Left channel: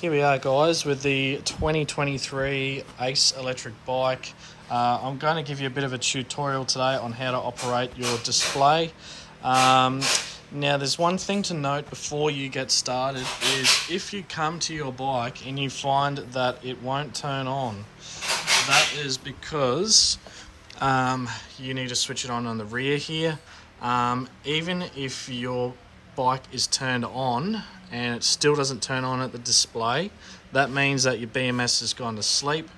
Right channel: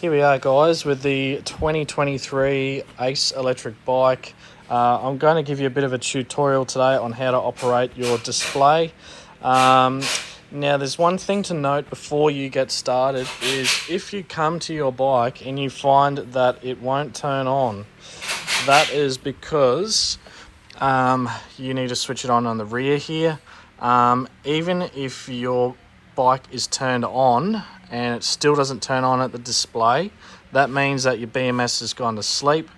Here we are, guys, with the 2023 Ace electric bike. I'm going to give you a bit of a tutorial today on how to operate your display. Now, there's one thing to note before you get started is if you come to your bike and you find that it won't turn on, that is because you need to switch it on the rear here. Even if your bike is turned on and it still doesn't turn on at the display, that means that your BMS has gone to sleep.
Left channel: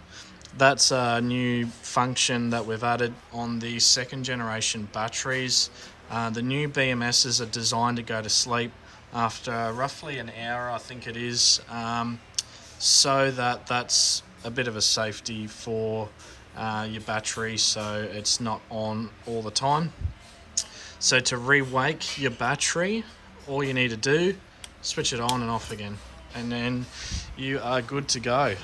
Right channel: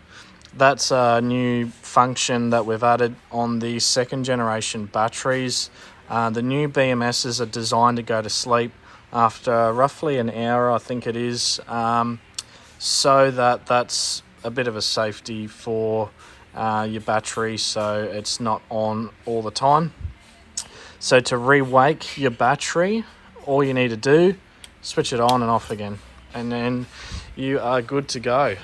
That's a new function that we've added on the second generation batteries. The new BMSs are designed to go to sleep after roughly an hour, I think it is, so that's a bit of a safety for your battery, so it's not on all the time. So to re-wake your battery, all you need to do, switch it on and off again, and then you are good to go.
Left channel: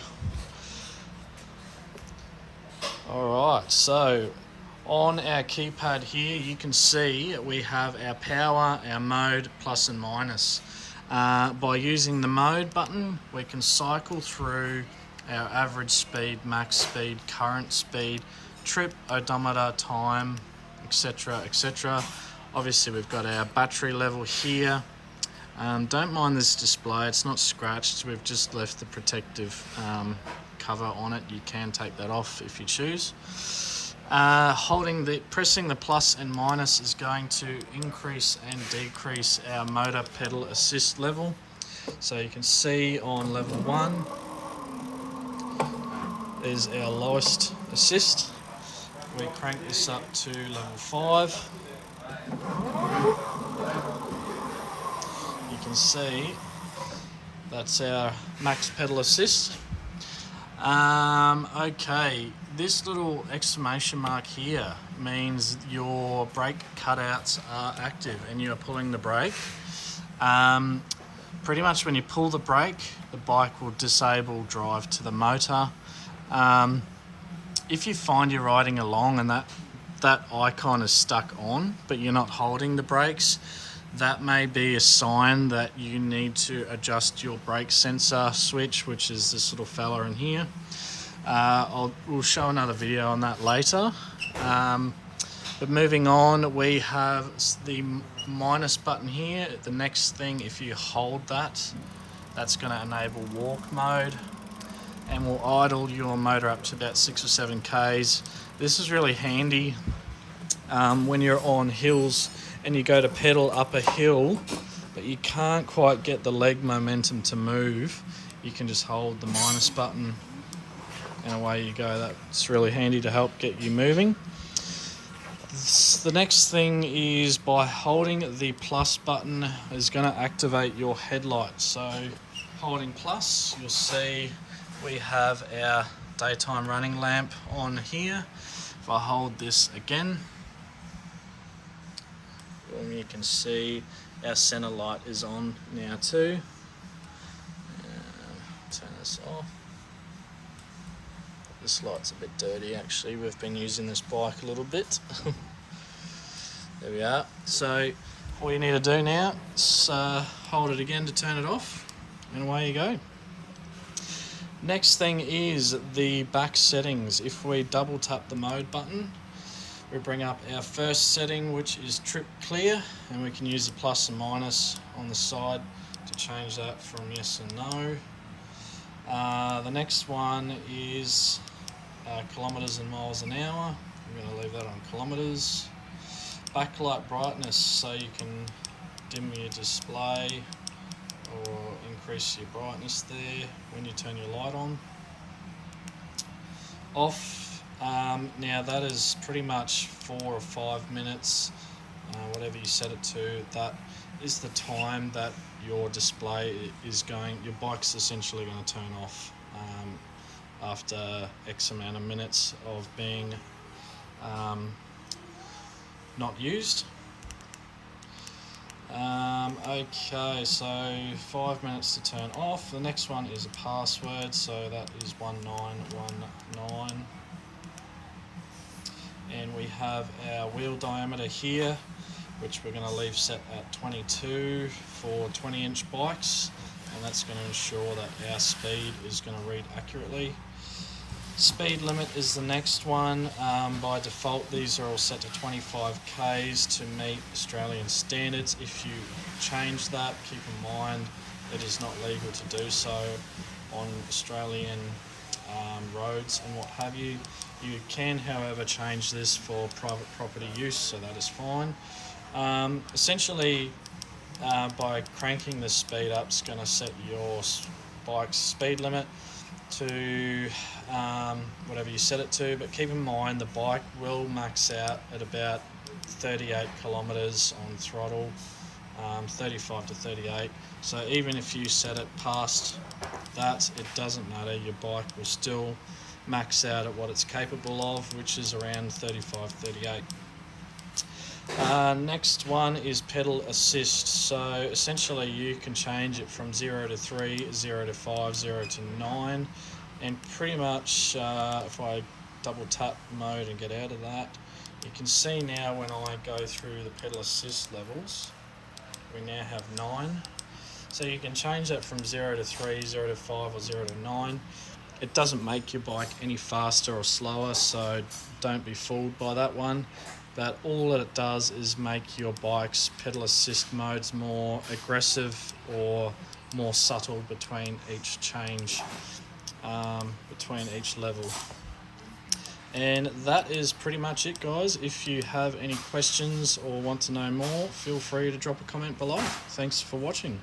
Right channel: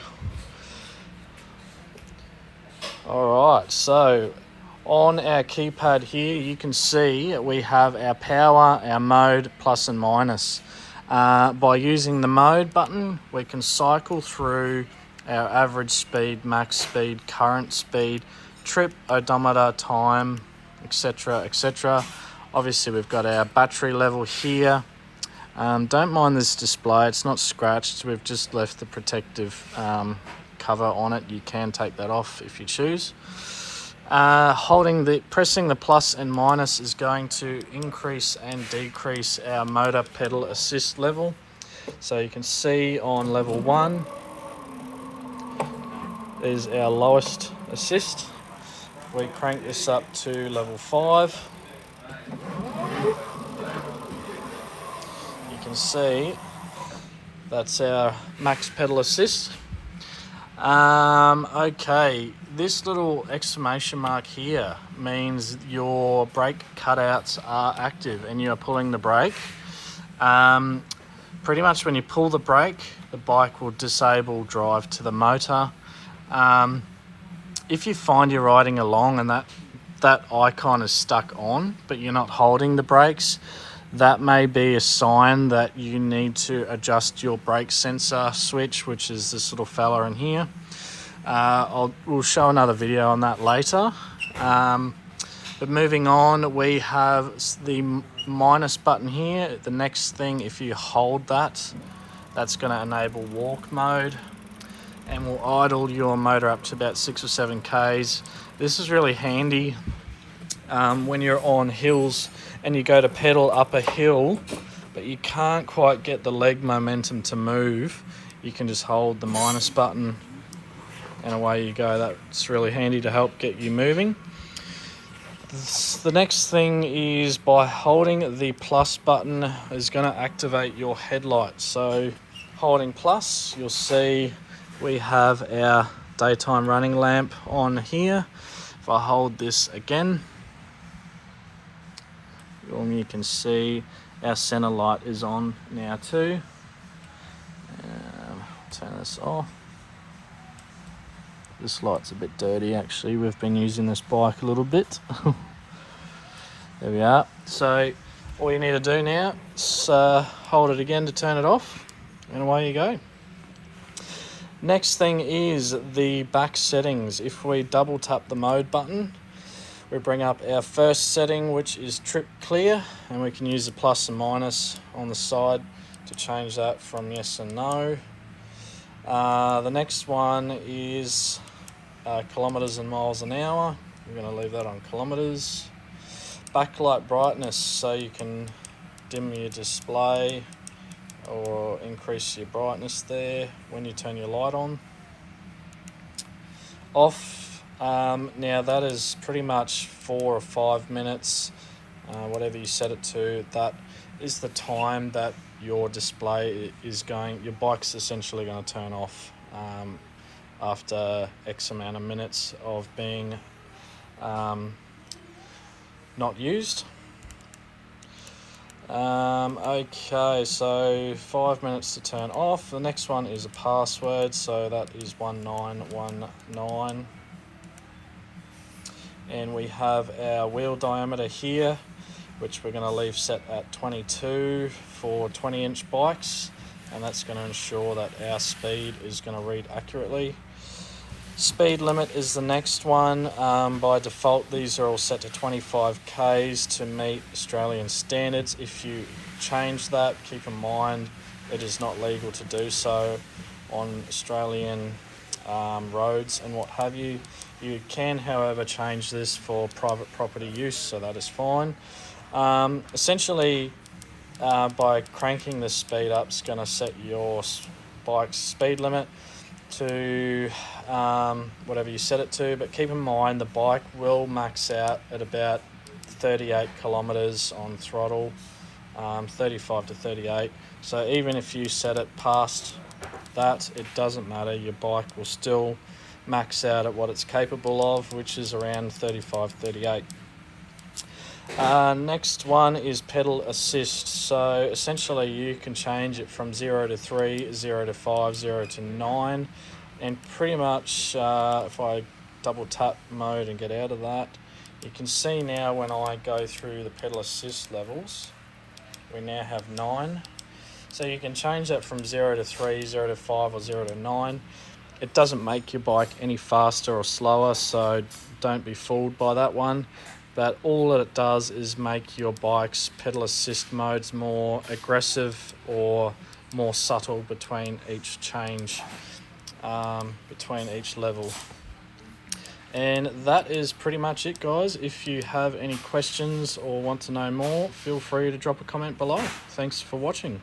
Alright, so on our keypad here, you can see we have our power, our mode, plus and minus. By using the mode button, we can cycle through our average speed, max speed, current speed, trip, odometer, time, etc, etc. Obviously we've got our battery level here. Don't mind this display, it's not scratched, we've just left the protective cover on it. You can take that off if you choose. Pressing the plus and minus is going to increase and decrease our motor pedal assist level. So you can see on level 1 is our lowest assist. We crank this up to level 5. You can see that's our max pedal assist. Okay, this little exclamation mark here means your brake cutouts are active and you're pulling the brake. Pretty much when you pull the brake, the bike will disable drive to the motor. If you find you're riding along and that icon is stuck on, but you're not holding the brakes, that may be a sign that you need to adjust your brake sensor switch, which is this little fella in here. We'll show another video on that later. But moving on, we have the minus button here. The next thing, if you hold that, that's going to enable walk mode and will idle your motor up to about 6 or 7 Ks. This is really handy when you're on hills and you go to pedal up a hill, but you can't quite get the leg momentum to move. You can just hold the minus button and away you go. That's really handy to help get you moving. The next thing is by holding the plus button is going to activate your headlight. So holding plus, you'll see we have our daytime running lamp on here. If I hold this again, you can see our center light is on now too. Turn this off. This light's a bit dirty actually, we've been using this bike a little bit. There we are. So all you need to do now is hold it again to turn it off, and away you go. Next thing is the back settings. If we double tap the mode button, we bring up our first setting, which is trip clear, and we can use the plus and minus on the side to change that from yes and no. The next one is kilometers and miles an hour. We're going to leave that on kilometers. Backlight brightness, so you can dim your display or increase your brightness there when you turn your light on. Off. Now that is pretty much 4 or 5 minutes, whatever you set it to. That is the time that your display is going, your bike's essentially going to turn off after X amount of minutes of being not used. Okay, so 5 minutes to turn off. The next one is a password, so that is 1919. And we have our wheel diameter here, which we're going to leave set at 22 for 20-inch bikes. and that's going to ensure that our speed is going to read accurately. Speed limit is the next one. By default, these are all set to 25 k's to meet Australian standards. If you change that, keep in mind it is not legal to do so on Australian roads and what have you. You can, however, change this for private property use, so that is fine. Essentially, by cranking the speed up, it's going to set your bike's speed limit to whatever you set it to, but keep in mind the bike will max out at about 38 kilometers on throttle, 35 to 38. So even if you set it past that, it doesn't matter, your bike will still max out at what it's capable of, which is around 35, 38. Next one is pedal assist. So essentially you can change it from 0 to 3, 0 to 5, 0 to 9, and pretty much if I double tap mode and get out of that, you can see now when I go through the pedal assist levels, we now have 9. So you can change that from 0 to 3, 0 to 5, or 0 to 9. It doesn't make your bike any faster or slower, so don't be fooled by that one. But all that it does is make your bike's pedal assist modes more aggressive or more subtle between each change, between each level. And that is pretty much it, guys. If you have any questions or want to know more, feel free to drop a comment below. Thanks for watching.